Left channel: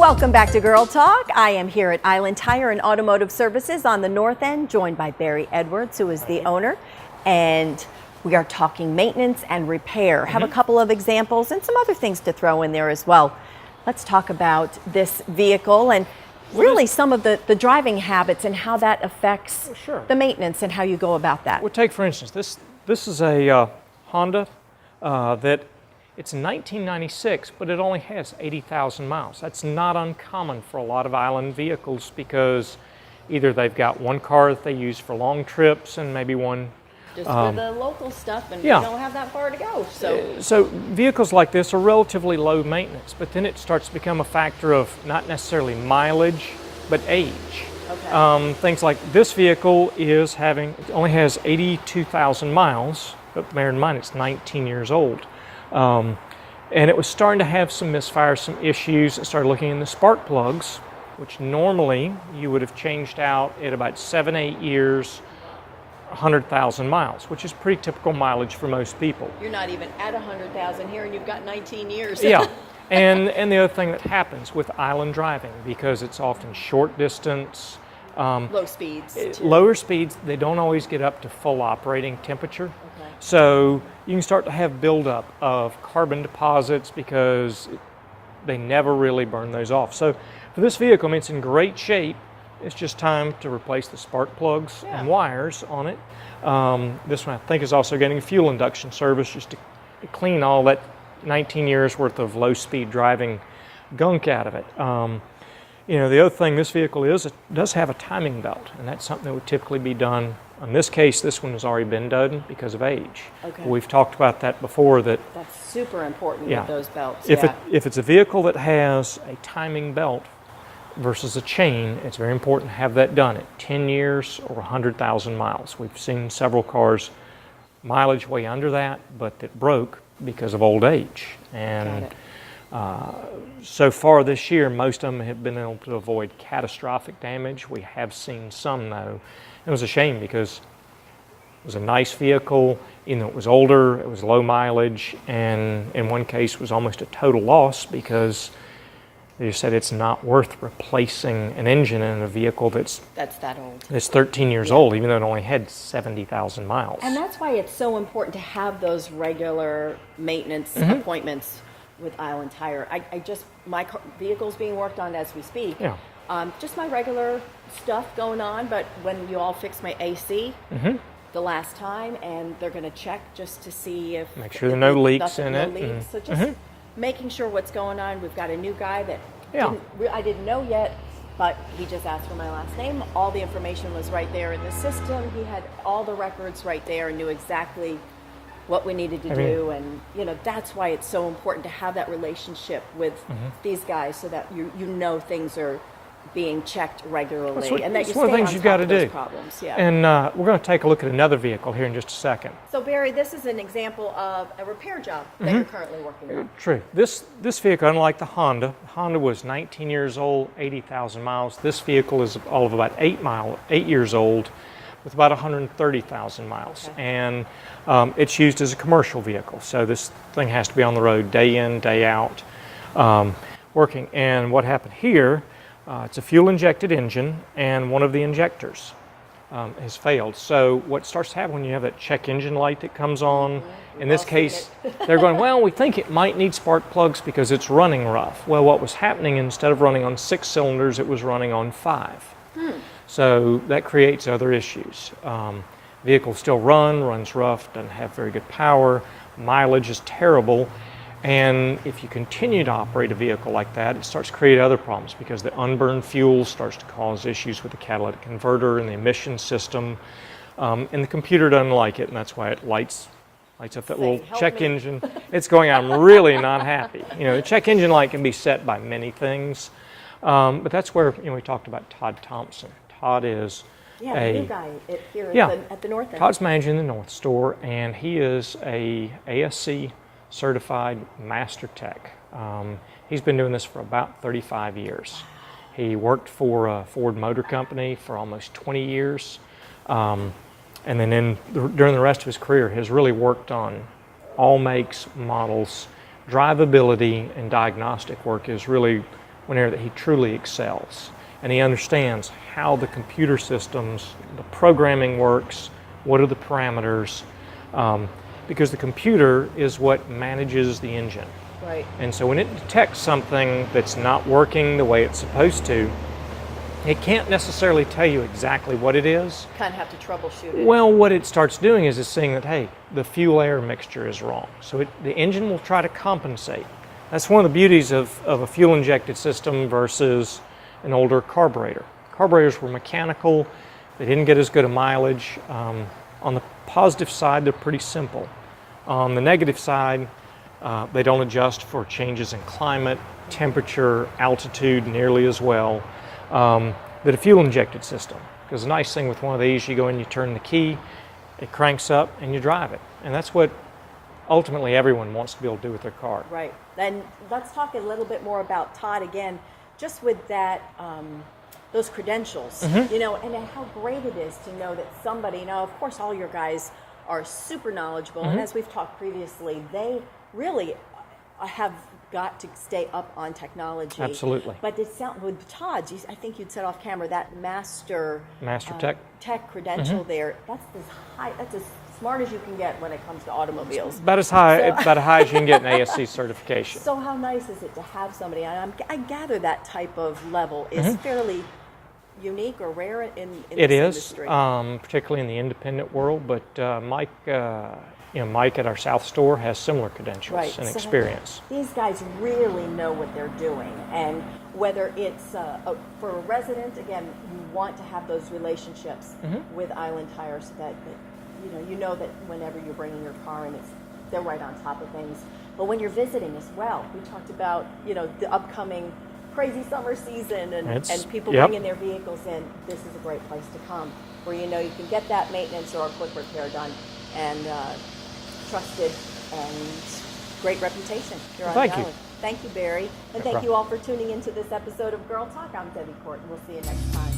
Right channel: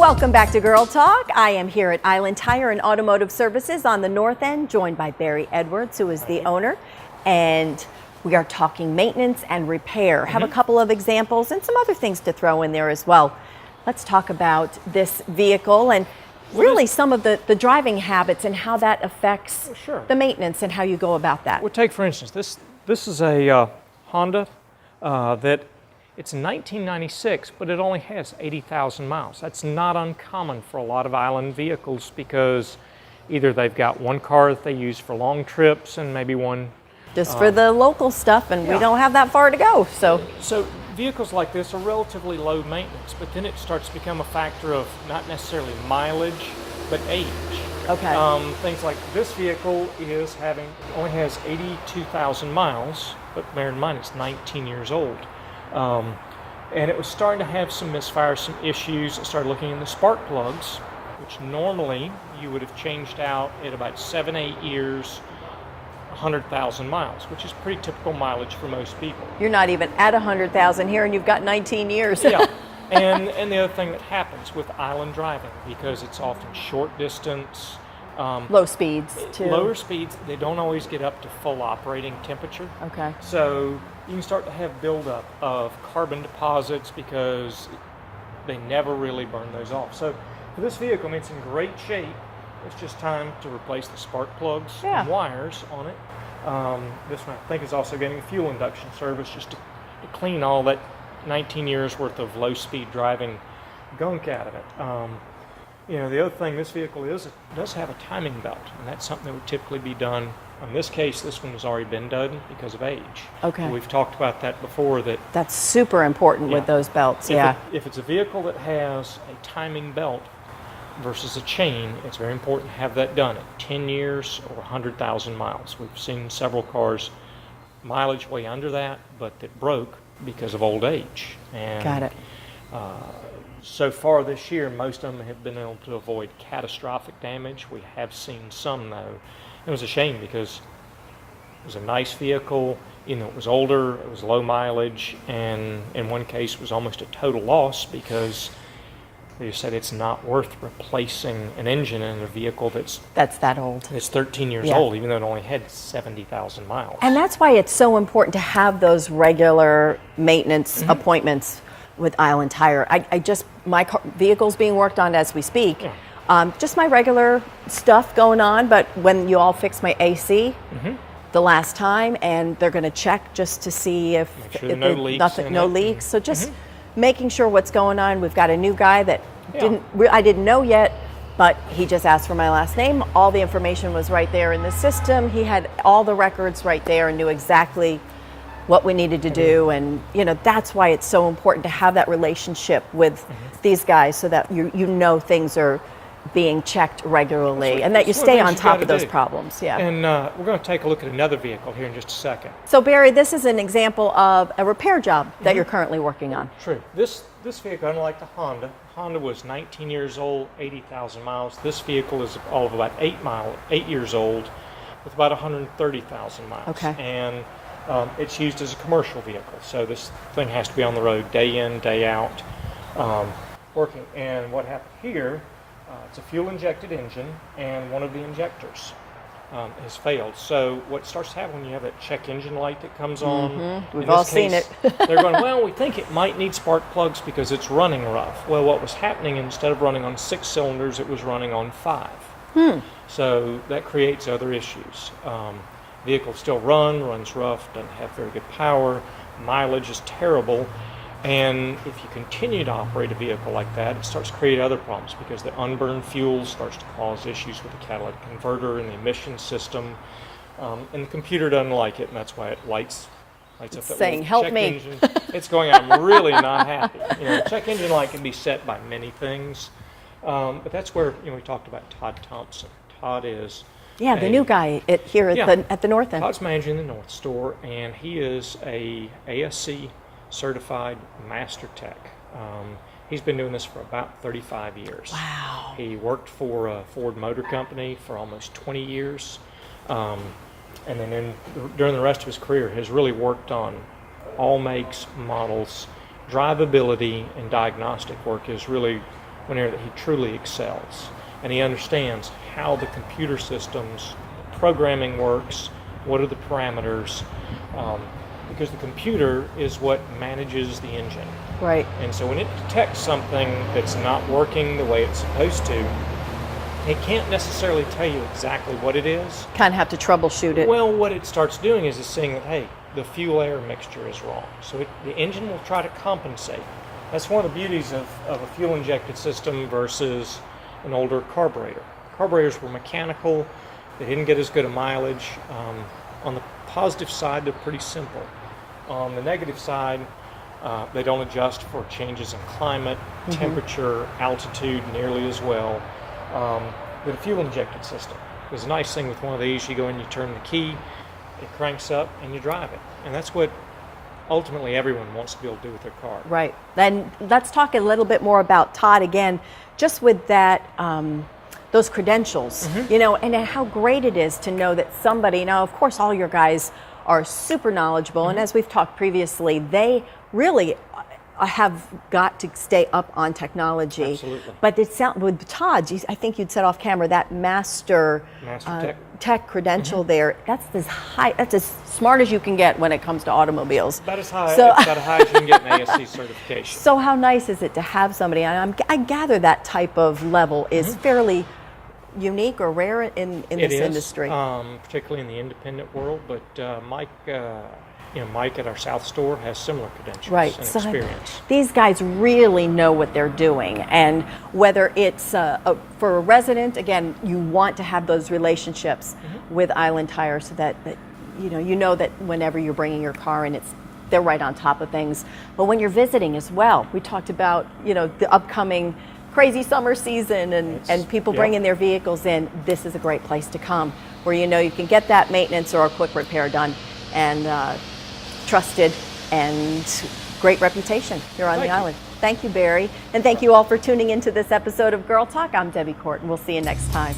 Welcome back to Girl Talk. I am here at Island Tire and Automotive Services on the north end, joined by Barry Edwards, who is the owner, and we are talking maintenance and repair. Have a couple of examples and some other things to throw in there as well. Let's talk about this vehicle and really some of the driving habits and how that affects the maintenance and how you go about that. Well, take for instance, this is a Honda that it's 1996, but it only has 80,000 miles. That's not uncommon for a lot of island vehicles because either they've got one car that they use for long trips and maybe one just for the local stuff, and we don't have that far to go. So vehicles like this are relatively low maintenance, but then it starts to become a factor of not necessarily mileage, but age. Okay. Things like this vehicle only has 82,000 miles, but bear in mind it's 19 years old. And it was starting to have some misfire, some issues. It started looking in the spark plugs, which normally you would have changed out at about 7-8 years, 100,000 miles, which is pretty typical mileage for most people. You're not even at 100,000 here, and you've got 19 years. Yeah, and the other thing that happens with island driving, because it's often short distance, low speeds too. Lower speeds, they don't always get up to full operating temperature. Okay. So you can start to have buildup of carbon deposits because they never really burn those off. So for this vehicle, I mean, it's in great shape. It's just time to replace the spark plugs and wires on it. This one I think is also getting a fuel induction service just to clean all that 19 years worth of low-speed driving gunk out of it. You know, the other thing this vehicle it does have a timing belt, and that's something that would typically be done. In this case, this one has already been done because of age. Okay. We've talked about that before. That's super important with those belts. If it's a vehicle that has a timing belt versus a chain, it's very important to have that done at 10 years or 100,000 miles. We've seen several cars mileage way under that, but that broke because of old age. And Got it. So far this year, most of them have been able to avoid catastrophic damage. We have seen some, though. It was a shame because it was a nice vehicle, even though it was older, it was low mileage, and in one case was almost a total loss because they said it's not worth replacing an engine in a vehicle that's that old. It's 13 years old, even though it only had 70,000 miles. And that's why it's so important to have those regular maintenance appointments with Island Tire. My vehicle's being worked on as we speak. Just my regular stuff going on, but when you all fixed my AC the last time, and they're going to check just to see if no leaks. No leaks. So just making sure what's going on. We've got a new guy that I didn't know yet, but he just asked for my last name. All the information was right there in the system. He had all the records right there and knew exactly what we needed to do, and you know that's why it's so important to have that relationship with these guys, so that you know things are being checked regularly and that you stay on top of those problems. And we're going to take a look at another vehicle here in just a second. So Barry, this is an example of a repair job that you're currently working on. True. This vehicle, unlike the Honda was 19 years old, 80,000 miles. This vehicle is all of about 8 years old with about 130,000 miles. Okay. And it's used as a commercial vehicle, so this thing has to be on the road day in, day out, working. And what happened here, it's a fuel-injected engine, and one of the injectors has failed. So what starts to happen when you have that check engine light that comes on, We've all seen it. They're going, well, we think it might need spark plugs because it's running rough. Well, what was happening, instead of running on 6 cylinders, it was running on 5. So that creates other issues. Vehicle still runs rough, doesn't have very good power, mileage is terrible, and if you continue to operate a vehicle like that, it starts to create other problems because the unburned fuel starts to cause issues with the catalytic converter and the emission system, and the computer doesn't like it, and that's why it lights up that little check engine. It's going, I'm really not happy. You know, the check engine light can be set by many things, but that's where we talked about Todd Thompson. Todd is the new guy here at the North End. Todd's managing the North Store, and he is a ASC certified master tech. He's been doing this for about 35 years. Wow. He worked for Ford Motor Company for almost 20 years. And then during the rest of his career, has really worked on all makes, models, drivability, and diagnostic work is really one area that he truly excels. And he understands how the computer systems, the programming works, what are the parameters, because the computer is what manages the engine. Right. And so when it detects something that's not working the way it's supposed to, it can't necessarily tell you exactly what it is. Kind of have to troubleshoot it. Well, what it starts doing is it's seeing that, hey, the fuel air mixture is wrong. So the engine will try to compensate. That's one of the beauties of a fuel injected system versus an older carburetor. Carburetors were mechanical. They didn't get as good a mileage. On the positive side, they're pretty simple. On the negative side, they don't adjust for changes in climate, temperature, altitude nearly as well. But a fuel injected system. There's a nice thing with one of these, you go in, you turn the key, it cranks up, and you drive it. And that's what ultimately everyone wants to be able to do with their car. Right. Then let's talk a little bit more about Todd again, just with that, those credentials, you know, and how great it is to know that somebody, now of course all your guys are super knowledgeable, and as we've talked previously, they really have got to stay up on technology. Absolutely. But it sound, with Todd, I think you'd said off camera, that master tech credential there, that's as high, that's as smart as you can get when it comes to automobiles. About as high, it's about as high as you can get an ASC certification. So how nice is it to have somebody, and I gather that type of level is fairly unique or rare in this industry. Particularly in the independent world, but Mike at our South store has similar credentials and experience. These guys really know what they're doing, and whether it's for a resident, again, you want to have those relationships with Island Tire, so that you know that whenever you're bringing your car in, they're right on top of things. But when you're visiting as well, we talked about the upcoming crazy summer season and people bringing their vehicles in. This is a great place to come, where you can get that maintenance or a quick repair done, and trusted and great reputation here on the island. Thank you, Barry. And thank you all for tuning into this episode of Girl Talk. I'm Debbie Court, and we'll see you next time.